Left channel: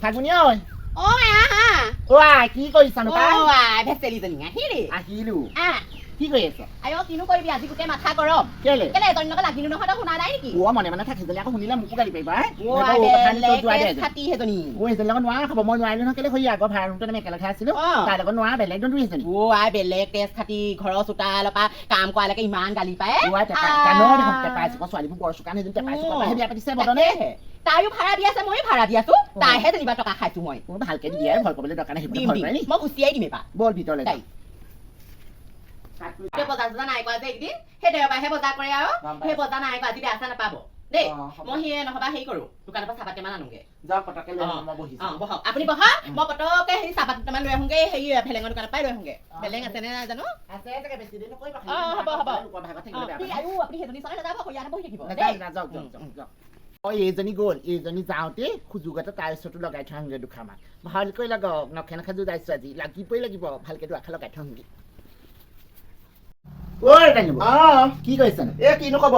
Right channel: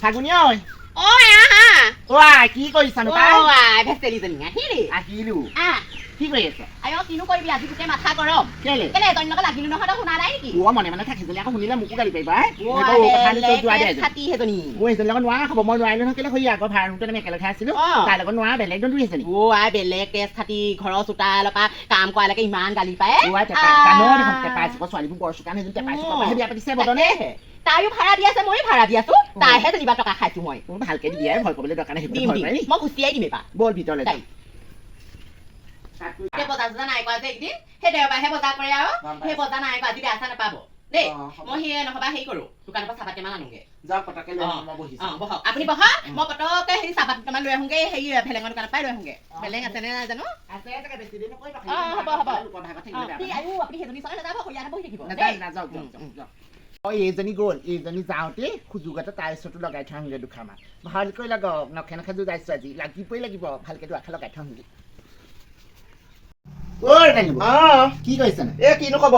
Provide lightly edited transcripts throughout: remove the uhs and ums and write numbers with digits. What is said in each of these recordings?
ফাগুনি ঐ কি কৰিছানো তাই ভেচেলিজনী আহিলি আহিলো কি কৰি আছ কিনো কৰিবি আজি গোটেই মাথা গৰম কেলে এজনী লগত লাগিলো নহয় তই শুনা নাই নেকি মনে মনে থাকি যদি আকৌ শুনিলে মোকো গালি পাৰিবা ছাতি সেইজনী সেইজনীৰ লগত নোৱাৰা খাব মই নোৱাৰিলো নহয় কেলে হৈ আগৰ ভাড়াটোতে আমি একেলগে আছিলো তাইৰ লগত নোৱাৰা বেলেগ দৌৰি এজনী বেলেগ তেজ খাতি ঘৰৰ চোতালৰ পৰা কাম কৰালৈকে ইমান গালি পায় ছোৱালীবোৰ বৰ চোকান সেইজনী টেপাই চোকা বিয়া পাতিছে বদনে তাইও ভাড়া দি আছে ময়ো ভাড়া দি আছো তাইহে যেনিবা টকা খাইছো মই ভালকে দিয়াই ভয় কৰিবলৈ দৰকাৰ নাই মই গুচিয়াই দিম এবাৰ বল ভিতৰলৈ যাই বজাৰ চজাৰ নাই কৰা যে একদিন সেই দেওবাৰহে বজাৰ কৰে আৰু সেই বজাৰ নাই কৰা আজি আশা নাপাব দেই মই সেই নহবা হেৰি কৰো দোকানৰ পৰা চাহপাত কেইটামান আনোগে বহক আপুনি বহক মই পটকে সেই চাহপাত কেইটামান লৈ আহোগে সেই ভেলেঙৰ দোকানৰ পৰাই লৈ আহোগে ভেলেং আছে নে নাই জানো হ'ব আপুনি সেইজনী চলাই নাযাব ইয়াতে বহি থাকিব এইজনী গ'ল এইজনী যাওঁতে সুযোগতে তাইৰ ওচৰতো লগাই থৈ আহোগে দুখাৰমান ভালকৈ লাগক নখে নখে যোগাইছো আজি লাগিবই লাগিব ভালকে দুআষাৰ লগাই থৈ আহোগে কি কৰিছেনো কিনো কব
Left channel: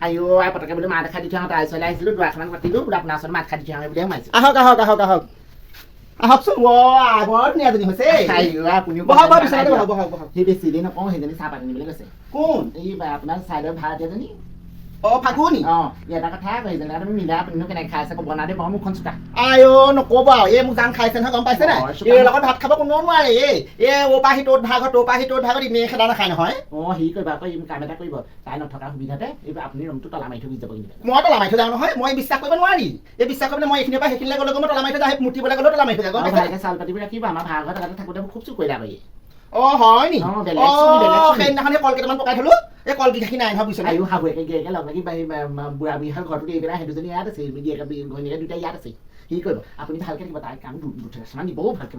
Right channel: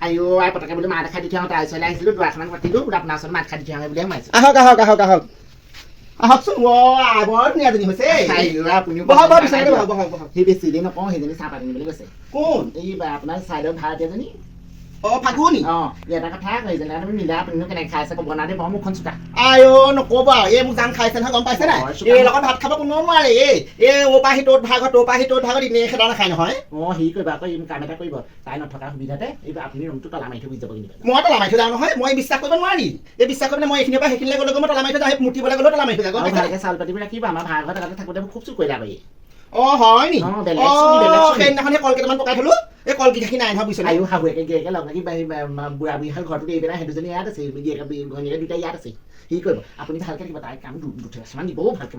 আয়ো আই পটকে বুলি মাত খাই দি থৈ তাইৰ ওচৰলৈ আহিছিলো দুআষাৰমান পাতিলো আপোনাৰ ওচৰত মাত খাই দি থৈ আহোঁ বুলি সোমাইছো আহকচোন বৰ ধুনীয়াজনী হৈছে সেই বেছি দেৰি নকওঁ সেইজনী চাহপাত আনিবলৈ গৈছে কোন এই আপোনাৰ চাইডৰ ভাড়াতীয়াজনী ফাগুনি এটা কথা সেইজনী তুমি মিলা আপুনি কেনেকে খাই আছে বনাই দে মুখখন চোকা নকব এই মোক জান খাইছে নহয় গম পাইছে নাই এই লগত ভাত খাব কোনো নোৱাৰে এই পৰা সি তোৰ ভাগত তোৰ পৰা সি তোৰ ভাগত এনেই খেলা নাখায় নহয় হেৰি কৰিবা আকৌ কাম এটা কৰিব তাই নথকা সুবিধাতে এইবাৰ আপুনি ৰুমটো তলা মাৰি থৈ গুচি যাব কিন্তু মই তলা মাৰি থৈ যাওঁ নহয় মই বিশ্বাস কৰিব নোৱাৰি এই বিশ্বাস কৰিবলৈ মই এইখিনিৰ পৰা সেইখিনিলৈ গ'লে মই তলা মাৰি থৈ যাওঁ মূৰ্তিবলৈ গ'লেও তলা মাৰি থৈ যাওঁ ভালকে চাউল পাতিব ৰাখিবা আমাৰ ভাড়া ঘৰত তাতে থাকোঁতে খুব চুৰ কৰিলা কৰি হয় নি সেইদিনাখন সেই কল কেইটামান পকাই থলো এই কল কেইটাখিনি নাই নহয় বুজিছে আয়ো শাহুৱেকে গিয়েকে লগ লাগি বুঢ়া বুঢ়ীহাল ঘৰটোত এই পেলাই সেইদুজনী ইয়াত আছে ঘৈণীয়েকে দুটা ইয়াত আছে কি কৰিব আপুনি ভালকে থাকিব তাইৰ কাম দুটামান দিবও ভালকে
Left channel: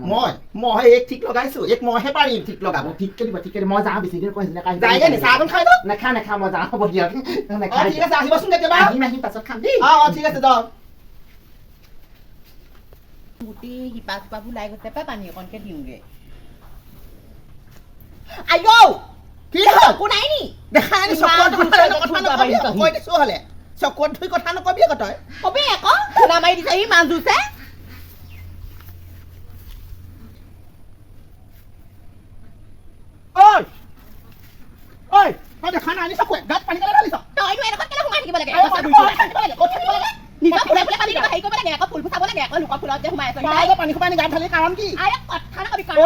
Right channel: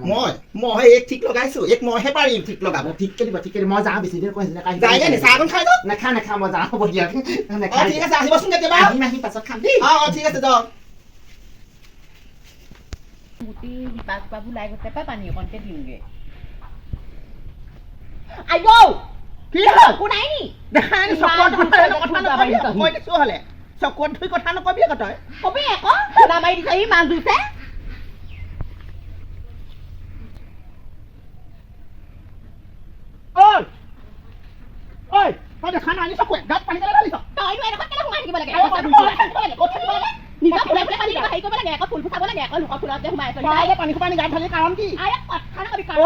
মই এক ঠিক লগাইছো এক মইহে পাৰিম ঠিক লগাব ঠিককে দিব মই যাওঁ বেছি দিন কৈছিলে খাই যাওঁ নাখাওঁ মই যাওঁ হ'ব দিয়ক ঠিক আছে আহিবচোন কেতিয়াবা আহিম পাছত খাম দেই ঠিক আছে যাওক গোটেই শিপা চিপাবোৰ লাই গৈছে পাই পানী অকণকে দিওঁগে কি হ'ল একো নাই নি দেখা নাই চকুত ধুই কথা নকবি আকৌ তই কবি আকৌ খুন্দা মাৰি দিছে সি মাছ ধুছে দেখা নাই চকুৱে গাত পানী কেলে ঢালিছ তইনো এনেকুৱা কেলে সোমাই থাকিব লাগে নিজৰ ফুলে ফুলে পানী দিব হেৰি কৰিব লাগে আকৌ ফুল ফুটাব লাগে আকৌ লোকৰ ফুলত যে সোমাই আছে পানী খোপাই গাত ঢালি কাৰণ কি কথা নকবি কাৰণ